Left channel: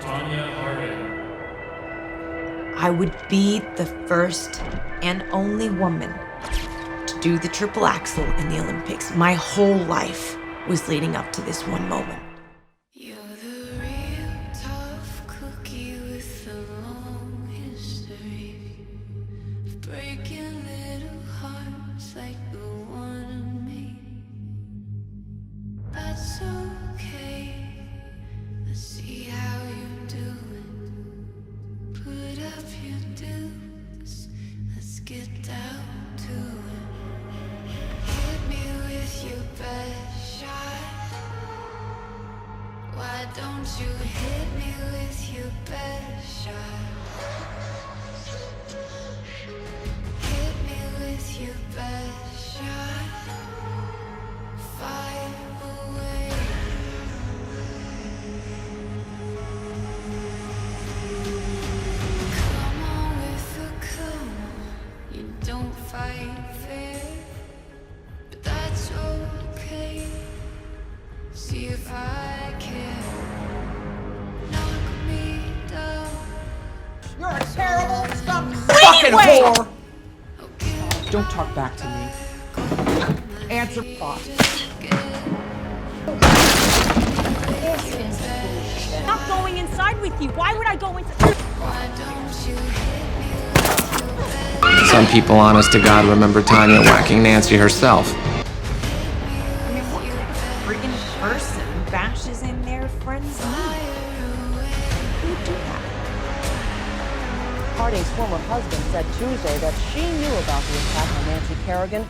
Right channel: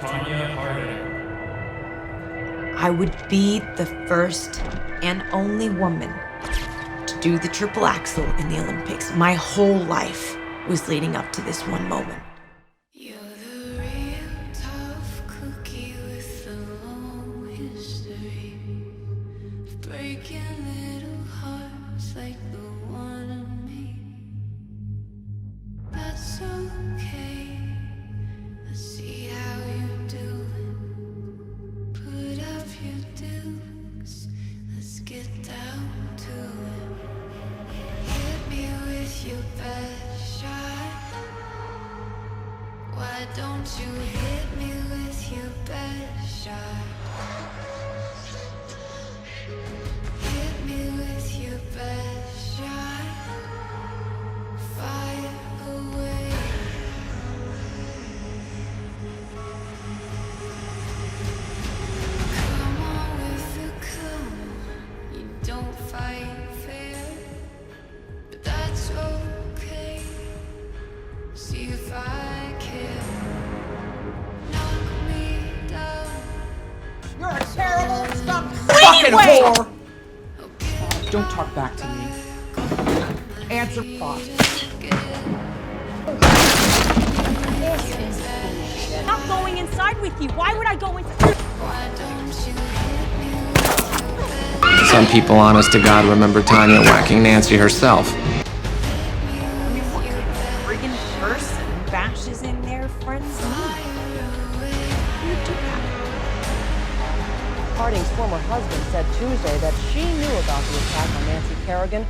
Tanya Harding. I would be the first and only woman to do the triple axel in the Olympics. My whole life was leading up to this one moment. You're the real tough cookie with a long history of breaking little hearts like the one in me. That's okay. Let's see how you're doing. Put up your dukes. Let's get down to it. Hit me with your best shot. Why don't you hit me with your best shot? Hit me with your best shot. Fire away. Come on with the come on. You don't fight fair, but that's okay. See if I care. Knock me down. You're a terrible fucking Anyway! whore! Okay. Don't talk back to me. Answer thought. Not going inside with you. Why would I go inside? Why don't you hit me with your best? Some people, honest to God, remember Tanya whacking Nancy herself. I mean, what kind of friggin' person bashes in their friend's knee? Who would do that? Harding's former husband said Tuesday that she knew about the attack on Nancy Kerrigan.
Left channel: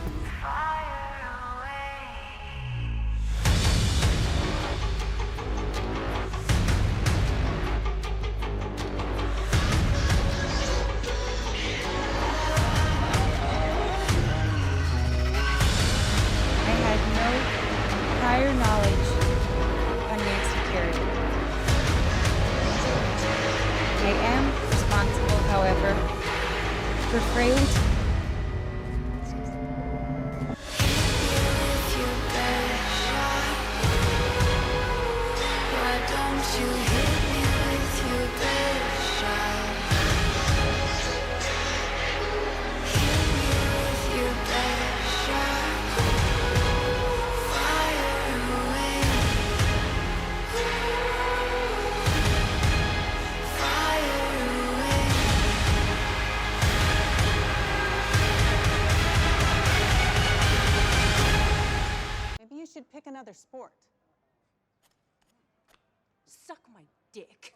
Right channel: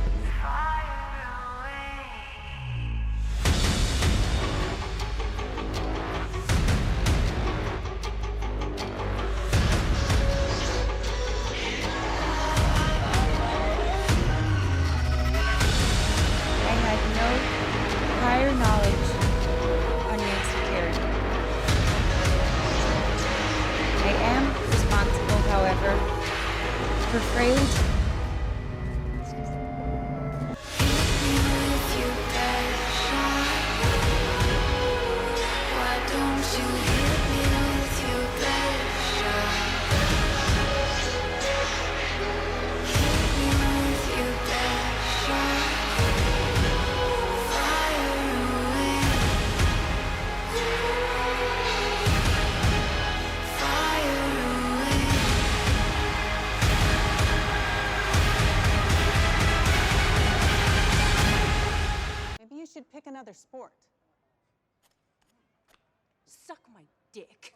I had no prior knowledge on Nancy Kerrigan. I am responsible, however, for Frailty. Hit me with your best shot. Why don't you hit me with your best shot? Hit me with your best shot. Fire away. Fire away. Maybe you should pick another sport. Suck my dick.